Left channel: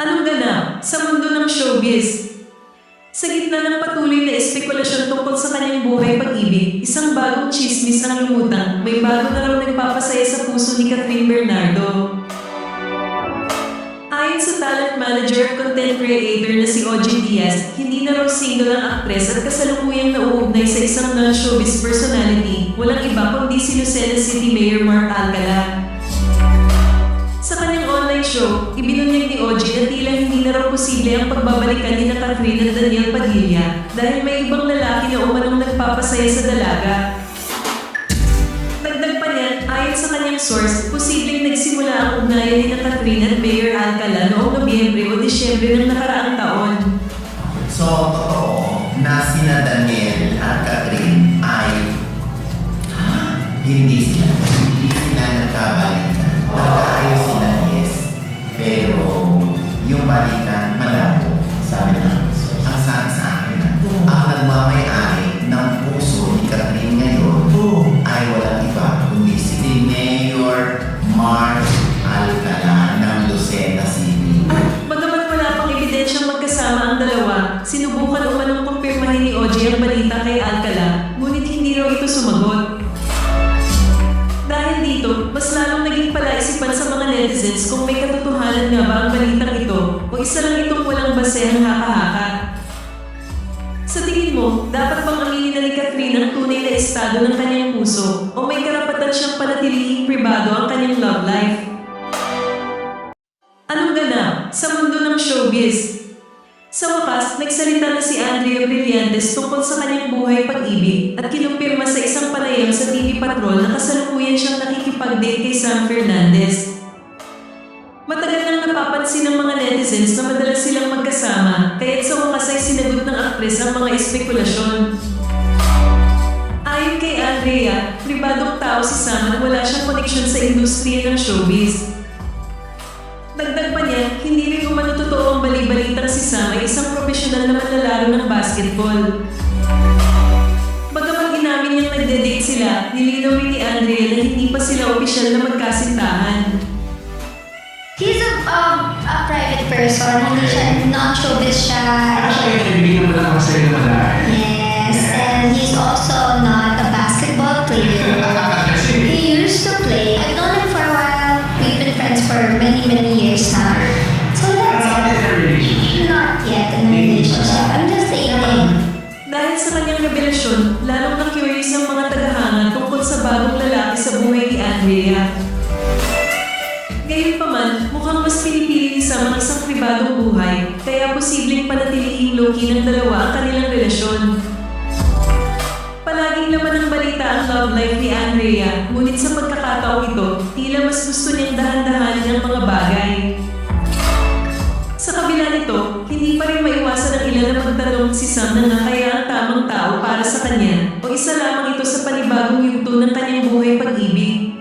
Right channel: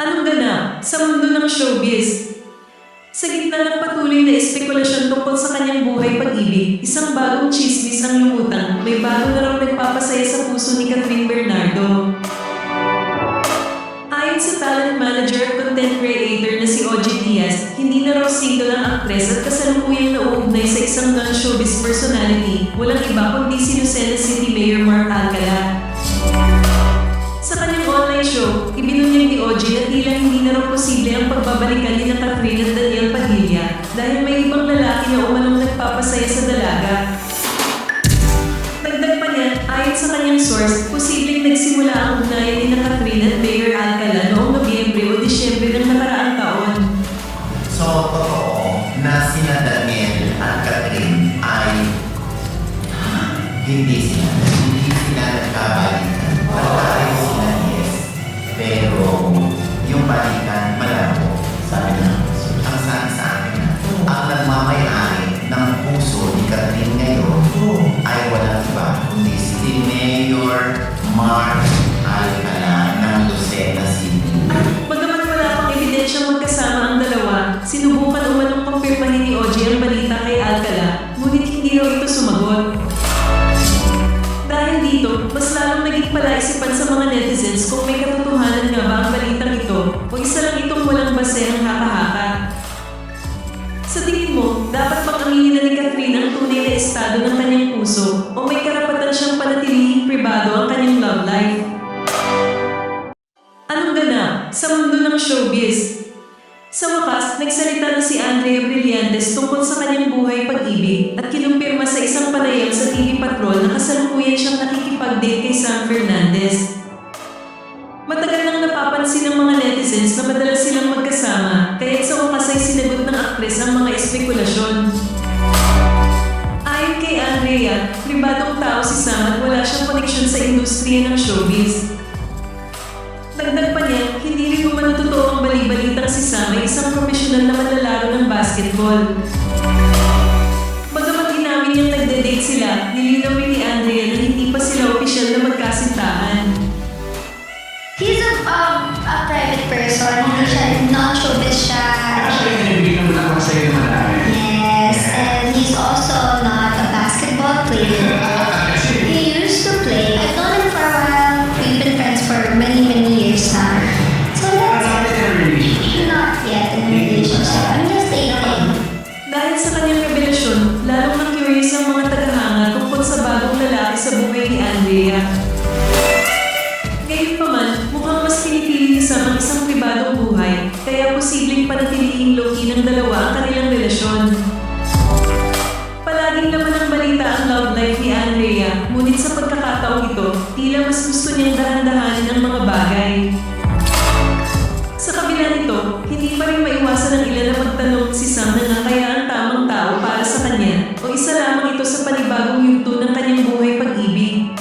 Anong ganap sa mundo ng showbiz? Sa gitna ng patuloy na espekulasyon tungkol sa kanyang buhay pag-ibig, isang bagong tsismis ang lumutang. May bago na raw nagpapasaya sa puso ni Catherine Bernardo. Ayon sa talent manager at content creator na si OG Diaz, hindi na raw single ang aktres at kasalukuyang nauugnay sa isang non-showbiz personality, walang iba kundi si Lucena City Mayor Mark Alcala. Sa kanyang online show, ibinunyag ni OG na tila hindi na raw posible ang pagbabalikan ni Catherine at Daniel Padilla dahil may ibang lalaki na umanong nagpapasaya sa dalaga. Dagdag pa niya, ayon sa kanyang source, posibleng nagsimula ang ugnayan ni Catherine at Mayor Alcala noong Nobyembre o Disyembre ng nakaraang taon. So, totoo na sina Daniel at Catherine ay hindi sila nagkabalikan. Nagkaayos sila, yes. Pero, yung balikan, malabo. Sabi na, ang sabi sa akin, ang nagmamayari ng puso ni Catherine ngayon ay walang iba, kundi si Mayor Mark Alcala ng Lucena City. Bagamat wala pang ebidensyang magkasama ang dalawa, sinubukan umanong kumpirmahin ni OG ang balita kay Alcala, ngunit hindi raw ito sumagot. Dahil dito, mas lalong naging palaisipan sa mga netizens kung may katotohanan nga ba ang balitang ito o isa lang itong walang basehang haka-haka. Sa tingin mo, dapat bang aminin na ni Catherine ang tunay na estado ng kanyang puso o may karapatan siyang panatilihing pribado ang kanyang love life? Anong ganap sa mundo ng showbiz? Sa wakas, nagsalita na si Andrea Brillantes tungkol sa kanyang buhay pag-ibig at kinumpirma sa isang panayam sa TV Patrol na kasalukuyan siyang nakikipag-date kay Sam Fernandez. Matagal nang napapansin ng mga netizens na madalas silang magkasama, kaya't sa wakas ay sinagot ng aktres ang mga espekulasyon. Ayon kay Andrea, pribadong tao si Sam at wala siyang koneksyon sa industriya ng showbiz. Dagdag pa niya, hindi rin umano totoo ang bali-balitang si Sam ay isang profesional na manlalaro ng basketball. Bagamat inamin niyang nagde-date sila, nilinaw rin ni Andrea na hindi pa sila opisyal na magkasintahan. He's a private person, hindi siya, non-showbiz siya. Pero siya yung nabigay ng bulaklak sa'yo na madami. Yes, and he's also not a basketball player. Kasi, He used to play. I've known him for a while. We've been friends for many years now. So parang that's not in a relationship. not yet in a relationship. I'm just dating. Dahil sa kanyang revelasyon, lalong na-curious ang mga tagahanga tungkol sa bagong lalaki sa buhay ni Andrea. Gayunpaman, mukhang mas pinipili ni Sam ang isang pribadong buhay, kaya posibleng panatilihing low-key ng dalawa ang kanilang relasyon. Palaging laman ng balita ang love life ni Andrea, ngunit sa pagkakataong ito, tila mas gusto niyang dahan-dahanin ang mga bagay. Sa kabila nito, hindi pa rin maiwasan ng ilan na magtanong si Sam na nga kaya ang tamang tao para sa kanya o isa lamang ito sa panibagong yugto ng kanyang buhay pag-ibig.